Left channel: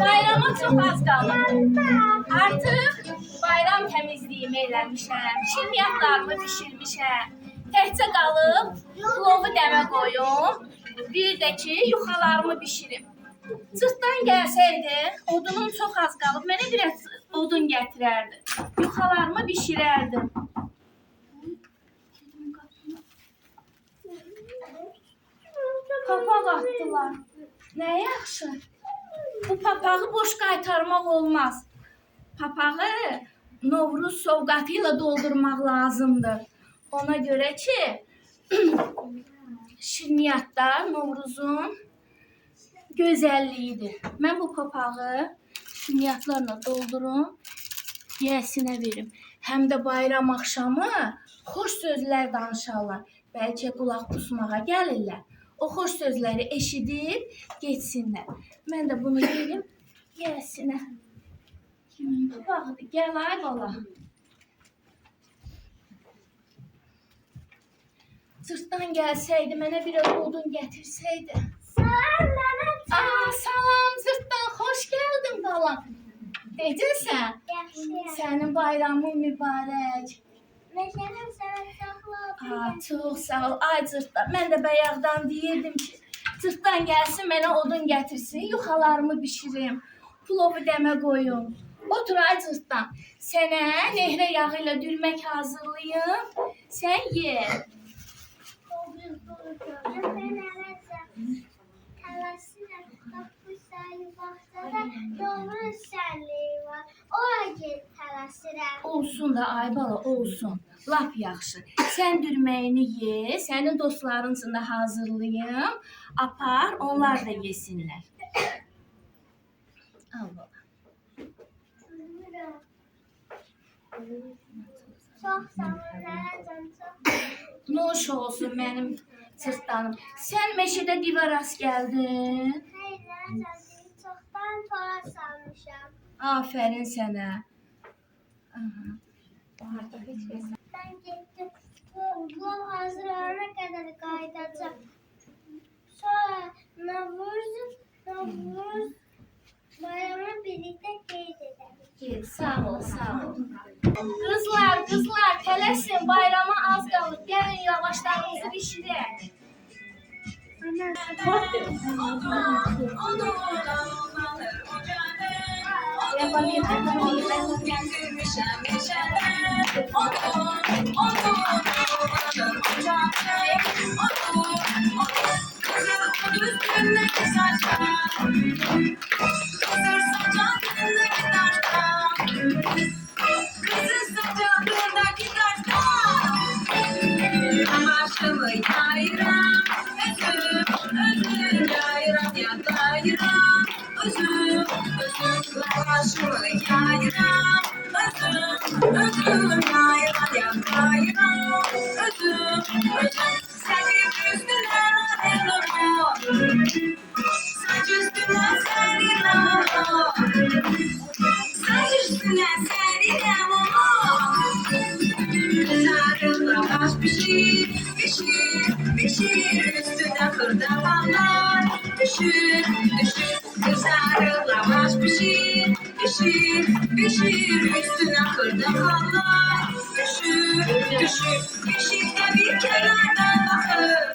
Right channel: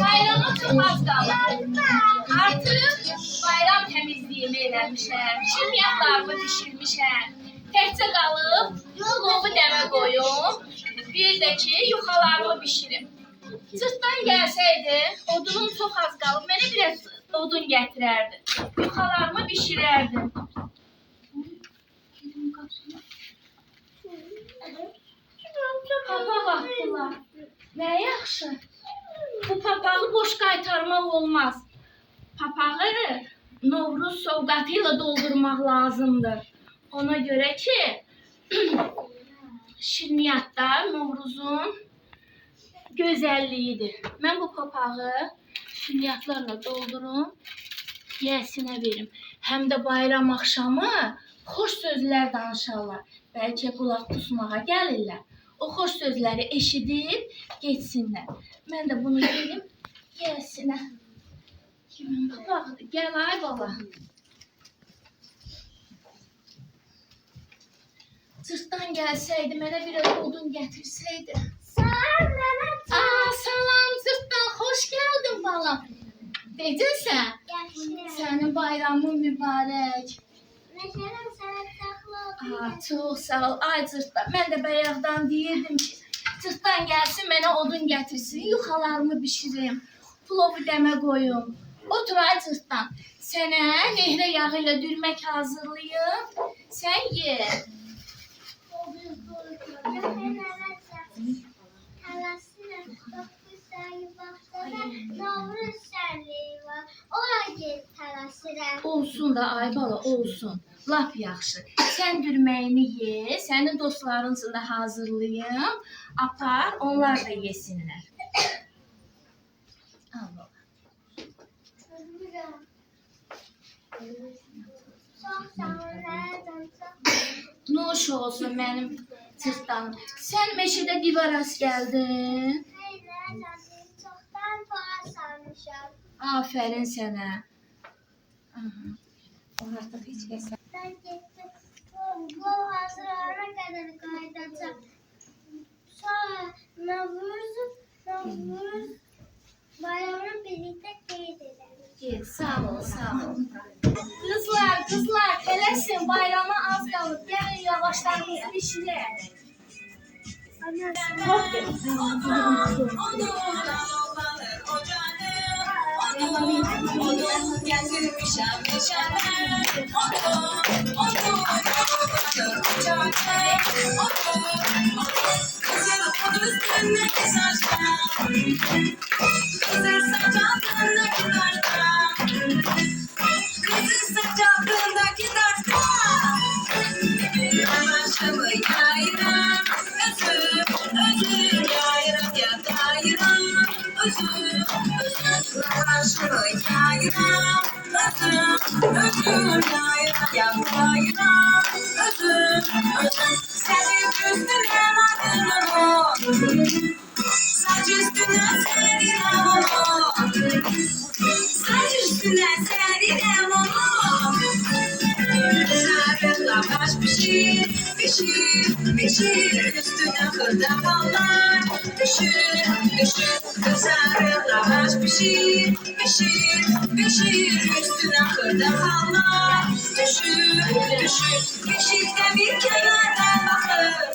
Bayrama çox az qalır. Artıq bayram təmizliyimi eləmişəm, şirniyyatlarımı bişirmişəm. Təkcə qalıb plovu dəmə qoyum, bir də ki, yuxalarımı bişirim. Cırtdan gəlsəydi, odunum çox az qalıb, mənə biraz odun gətirərdi. Yuxalarımı bişirərdim. Papaq atdılar. Nə yaxşı. Bu papağı boş qaytarmaq olmaz. Papağı Novruz sovqatı ilə doldurmaq lazımdır. Ona görə ki, şirniyyatlar Novruzun gözəlliyidir. Mən bu papağı şirniyyatlarla doldurum, yəsinə verim. Həm də bayram axşamı xoş sözlər danışarlar. Bəlkə qulaq pusmağa gəlirlər. O xoş sözləri eşidib geçsinlər. Mən də bunu verim yəsinə. Kimin papağıdır? Gəl ay bala. Cırtdan gəlsəydi, mənə biraz odun gətirsəydi. Salam mənə. Salam cırtdan, xoş gəldin balam. Necəsən? Yaxşıyam. Sənin bayramın mübarək. Məsələn, sənə saxla. Çox sağ ol. Ay cırtdan, mən də bayaqdan deyirdim ki, cırtdan gəlsin, mənə odun gətirsin, yuxalarımı bişirim, plovu dəmə qoyum. Otur ay cırtdan, sənə nehrə yağı ilə dürmək hazırlayım, sən ye. Tələsirəm, dokuz sayı vaxtada Novruz şənliyi var. Ora gel tələsirəm. Olsun da ay bala, olsun. Lap yaxşı. Sən dürməyini ye, sənin dostların üçün də hazırlayım. Apar, onlar da yesinlər. Al bala. Çox sağ ol, nənəcan, çox. Nuş olsun mənim cırtdanım. Sən meşədə divar rast gəldin. Xeyr, nənəcan, çoxdan tora salmışam. Afərin sənə. Ben getdim, bu hazır olana kadar kaydedeceğim. Sonra Novruz bayramını birlikte qeyd ederiz. Sağ ol, sağ ol. Qızlar, tələsin, bayrama az qalıb. Gəlin yavaşlarınızı bişirək. Pişir üstüne hırdavallar. Düşür, kızarır lavaş. Pişir üstüne hırdavallar. Düşür, yeşilde bir kenardan bakır.